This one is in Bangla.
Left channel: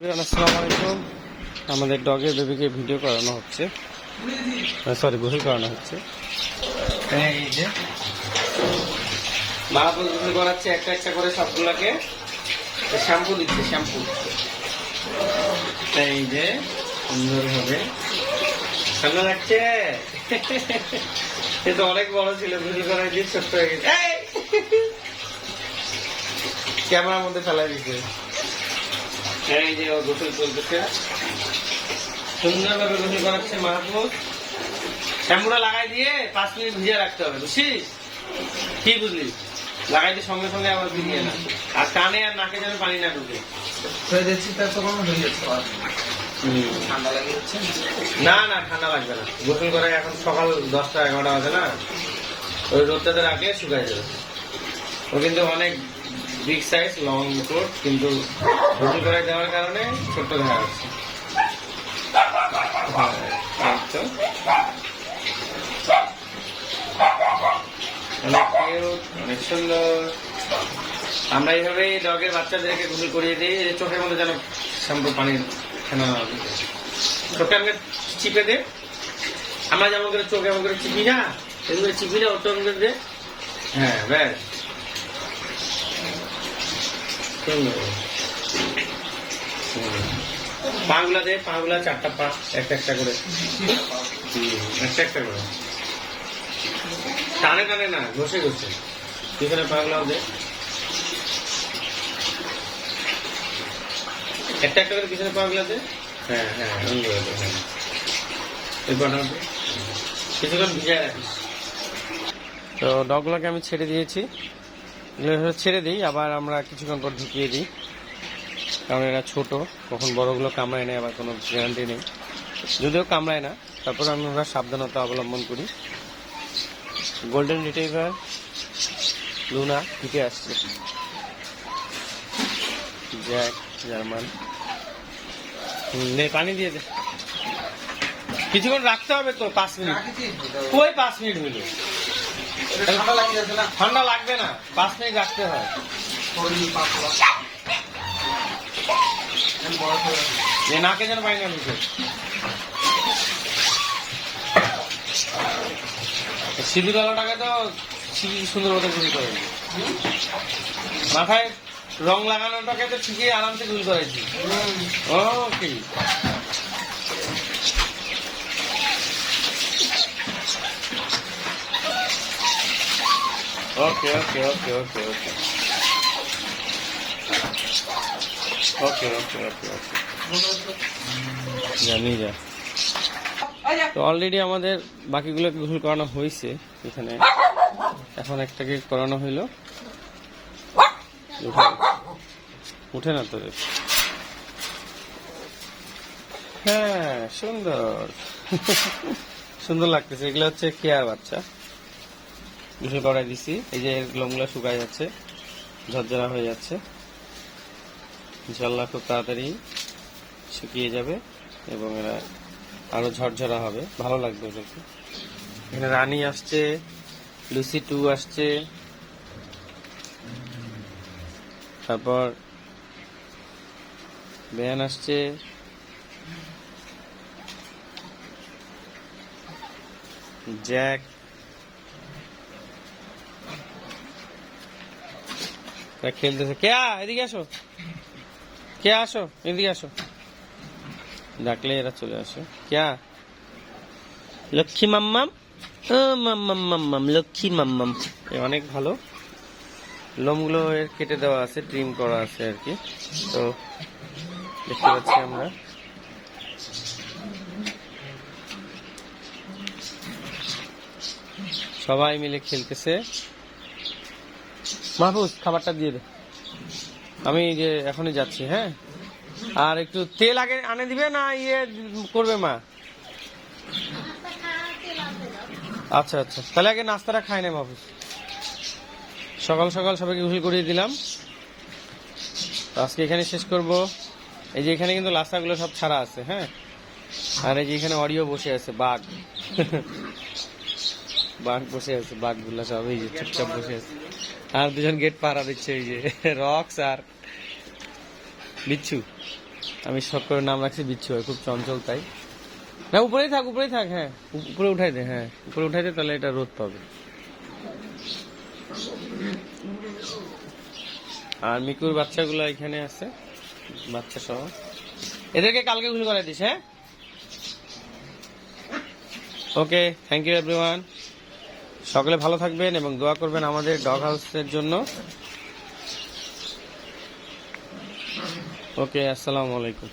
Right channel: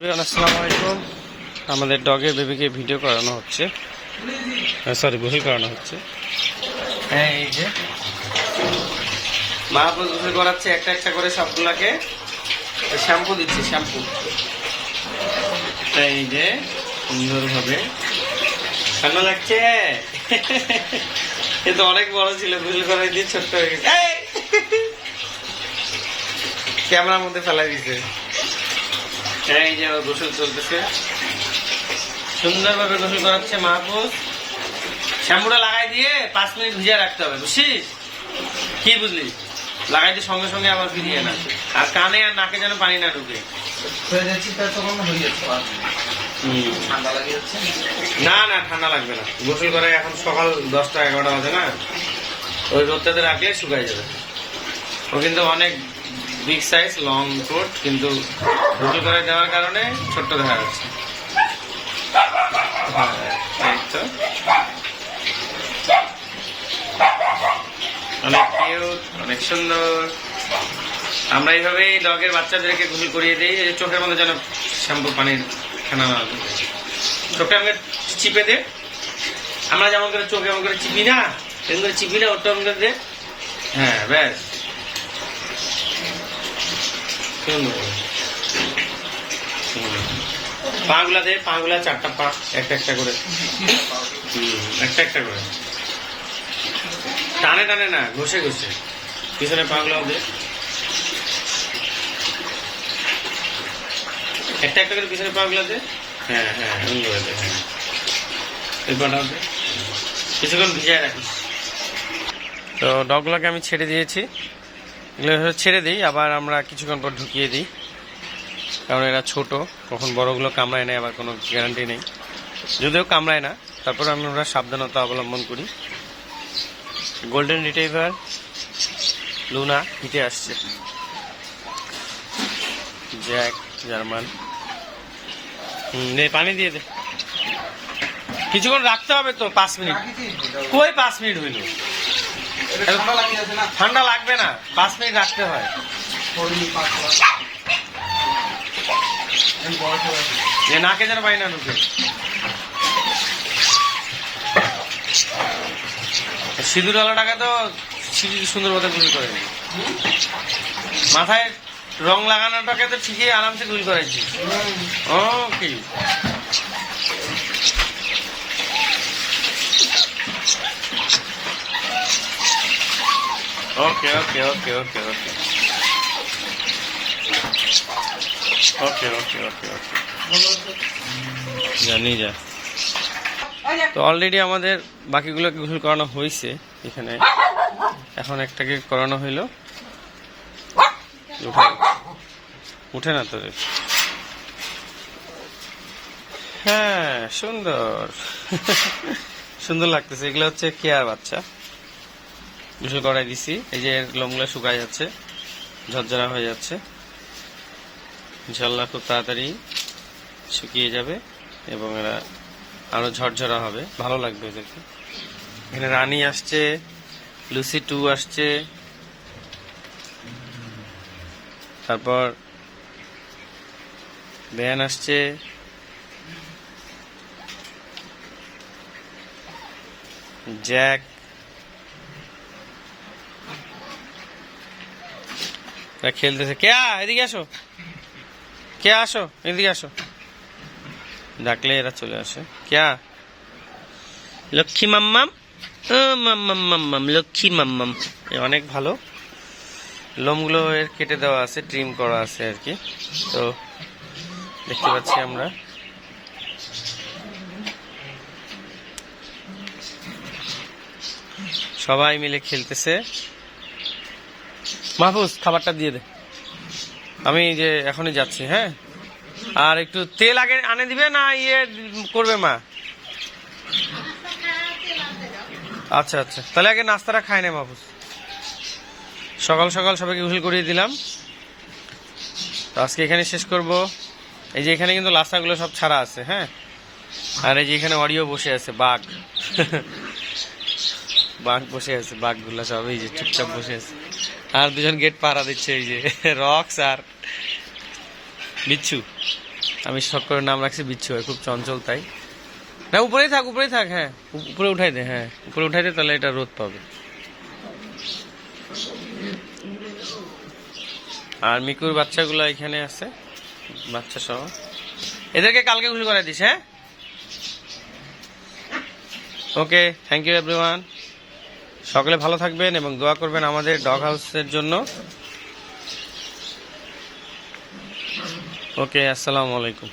আসসালামু আলাইকুম। আমাদের ডগের বেবিকে ভিডিও করানো হচ্ছে, সরি গোসল করানো হচ্ছে। হ্যাঁ, এই যে মা গোসল করাচ্ছে একটা একটা করে সবগুলাকে, শ্যাম্পু দিচ্ছে শ্যাম্পু। এই যে সুন্দরভাবে ভালো লাগছে। এ তো অনেক বড় ছিল, গোসল করাই দিয়ে ছোট্ট হয়ে গেছে। ক্যামেরার মধ্যে ফেলাই দিছে। এই যে গোসল চলতেছে, সুন্দরভাবে গোসল করাচ্ছে মাহফুজ। শ্যাম্পুটা লাগাই দিয়ে 5 মিনিট ভিজিয়ে রাখতে হবে, বুঝছিস? কি বুঝলি? লাগাই দিয়ে সঙ্গে সঙ্গে আবার ফিরিয়ে না, আর কানে আর নাকে যেন পানি না ঢুকে। না না, ঠান্ডা লাগবে না। গোসল করে এখন সকাল 10টা 11টা বাজে না, ওই রোদটাতে রাখলে শুকাই যাবে। ও কিন্তু অনেক বিগ সাইজ লং কোট, কিন্তু গোসল করে দেওয়ার কারণে ছোট্ট দেখা যাচ্ছে। অনেক কিউট, অনেক সুন্দর। আমরা এইভাবেই ডগের বাচ্চাদেরকে গোসল করিয়ে দিই। চোখের মধ্যে যেন শ্যাম্পু পানির ফেনা না লাগে, চোখে আমাকে চিপে দে। আমরা যেমন করে চোখে এমন করে চিপি না, এমন করে চিপি না, ওটা এমন করে দে। হ্যাঁ, ব্যাস। পা গুলা দে, পা গুলা 4টা পা, একটা একটা করে, একটা একটা করে টানে টানে না, ঘষে ঘষে। পিছনে পা গুলাও দে, একটা একটা করে পিছনে পা গুলা দে। হ্যাঁ হ্যাঁ, এমন করে দে। হ্যাঁ, এই পাটাও দে, কিছুক্ষণ ভিজায় রাখিস। তো ডগগুলোকে আমি ছেড়ে দিয়েছি, এগুলো ছেড়ে দিই, আবার আমরা কিছুক্ষণ পর ঢুকিয়ে দিই, কারণ এরা ছোট, কখন বড়গুলো কামড়ায় নেয় আবার কোনো গ্যারান্টি নেই। যদিও কামড়ায় না, তারপর আমরা সাবধানতা অবলম্বন করি। গোল্ডেন রিট্রিভার লুনা হিটে আসছে, জ্যাক জার্মান। পানি দিয়ে দে, কিছুক্ষণ রাখতে হবে তো, 5 মিনিট। কই 5 মিনিট হইল? ঠান্ডা লাগবে না, 5 মিনিট রাখতে হয়। নাকে যেন পাই না ঢুকে। সিঁদুর আলোটাকে তো সুন্দর মতো গুল করে, মাথায় রং লাগানোটাকে তো ঠিকই আরামসে গুল করেছি। ওকে, ওকে ওকে ওকে ওকে ওকে ওকে ওকে ওকে ওকে জানি যা। তো অলরেডি আমাদের বাকিগুলোকে গোসল করানো হয়েছে এখানে, এখন একটাকে করানো হইলো। উঠে না তোদের? হ্যাঁ, সুন্দর সুন্দর লাগতেছে। এগুলো হচ্ছে কেয়ার বাচ্চা, গোসল করাই দিছি। এই যে লোমগুলো শুকায় যাচ্ছে, ঝরঝরা হয়ে যাচ্ছে, ইনশাল্লাহ খুব তাড়াতাড়ি শুকিয়ে যাবে এবং এরা আরো ঝরঝরা হবে, ভালো লাগবে এদেরকে। এখানে রানী আসছে, লুসি 2 আসছে, তারপর ব্যান আসছে, জ্যাক, খেলতেছে। কেয়া এদিকে আসো, কে আসো, এদিকে আসো। ডাকলে এরা চলে আসে। কেয়া, লক্ষ্মী মাম্মাম, ও মাম্মাম মাম্মাম, লক্ষ্মী মাম্মাম। অনেক ভালো, লোমগুলো এর কেটে দেওয়া আছে, ট্রিম করা আছে আর কি। তো দেখতে পাচ্ছি আমরা সবাই মিলে খেলতেছে। মাহফুজ, খাবারটা দিয়ে দে, আমি যে এখনই যাচ্ছি। হ্যাঁ, আর একটু তেল আগে আনে দিবে না, ইয়ে করবে মা? আচ্ছা আচ্ছা, তাহলে আগে নাস্তাটা খাই না মাহফুজ। সকাল সকাল সবাইকে গোসল করিয়ে দিলাম। তো আজকে এখানে শেষ করব। এই যে এখানে কিন্তু লাস্তাগুলো সব ছাড়া আছে। হ্যাঁ, আর এই যে এখানে অডিও বসে আছে, বাঘ বাঘ বসে আছে, বাঘগুলো সব এই যে চুপচাপ বসে আছে। আর দুজন গেট পাহারা দিচ্ছে, এই যে রক্স আর বিচ্ছু। আমি শখ করে নাম রাখছি বিচ্ছু ভাই, খুব চঞ্চল তাই। না উপরেই থাক, উপরেই থাক, হ্যাঁ উপরে উঠাই দে, হ্যাঁ উপরে উঠাই দে, তাহলে এটা রোদ পাবে। আর মিকুর বাচ্চাগুলো এখানে আছে, বাচ্চা সহ। এদেরকে কালকে গোসল করাই দিস, হ্যাঁ। ওকে, থ্যাংক ইউ এভরিওয়ান। সকলে ভালো থাকবেন এবং দোয়া করবেন আমাদের ডগ হাউসের জন্য। ওকে, আসসালামু আলাইকুম।